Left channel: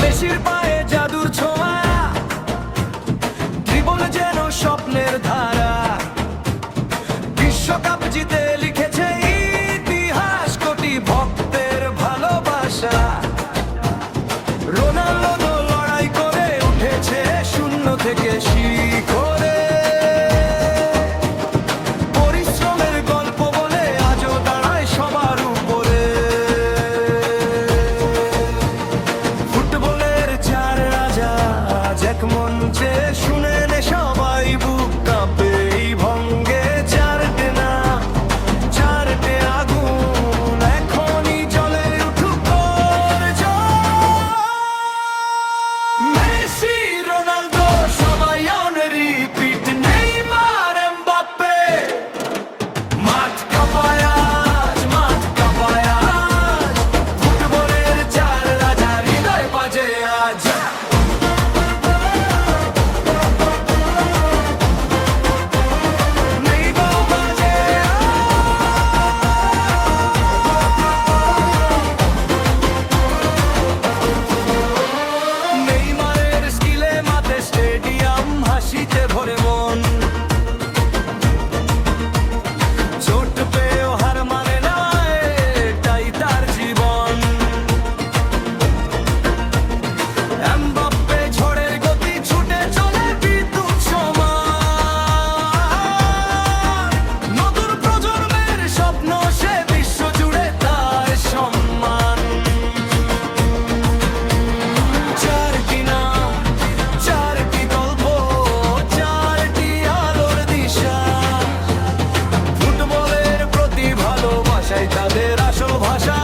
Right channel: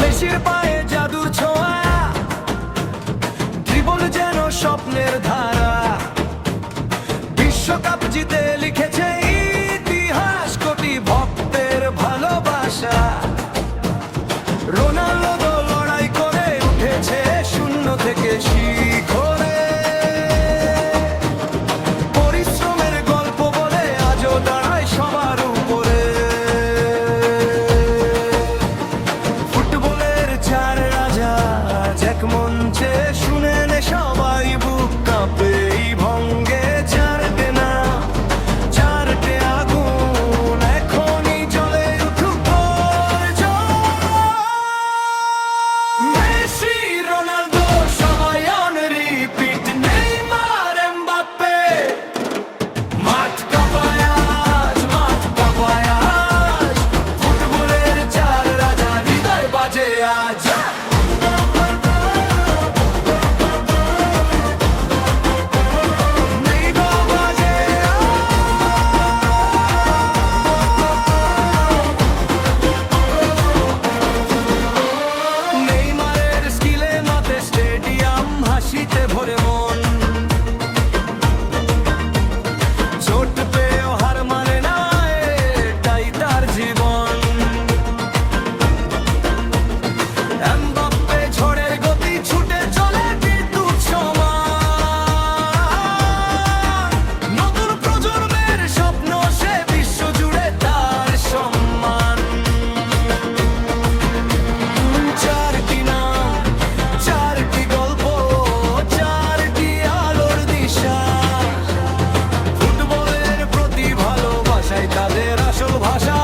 মেসির পায়ে জাদুর ছোঁয়া, ড্রিবল যেন স্বপ্নের ধারা। বিশ্বকাপ জিতে লিখেছে ইতিহাস, কোটি ভক্তের ভালোবাসা। রোনাল্ডো লড়াই করে উঠেছে শূন্য থেকে শিখরে। পরিশ্রমের গল্প বলে আজও দাঁড়ায় সবার উপরে। ফুটবলের চার রাজা এক মঞ্চে, শুনেন সবাই বুক কাঁপে এই ভঙ্গে। চারটে নাম, চারটে আগুন, এখনই জ্বলে উঠুক ওর জয়। মেসি, রোনাল্ডো সবাই অন রিপিট, নেইমার, এমবাপ্পে। মাঠ কাঁপায় আজ, মাঠ কাঁপায় আজ, ফুটবলের চার রাজা হৃদয় বাজে আজ। স্টেডিয়াম হাসিতে ভরে মন, চোট পেয়েও হার মানে না, এটাই তার জীবন। এমবাপ্পে ঝড়ের গতি, ছুটে চলে বিদ্যুৎ সমান। নতুন প্রজন্মের স্বপ্ন সে, বিশ্ব জুড়ে তার সম্মান। চারটি নাম, চারটি গল্প, চারটি আলোর দিশা। ফুটবলের প্রতি ভালোবাসাই তাদের আসল ভাষা।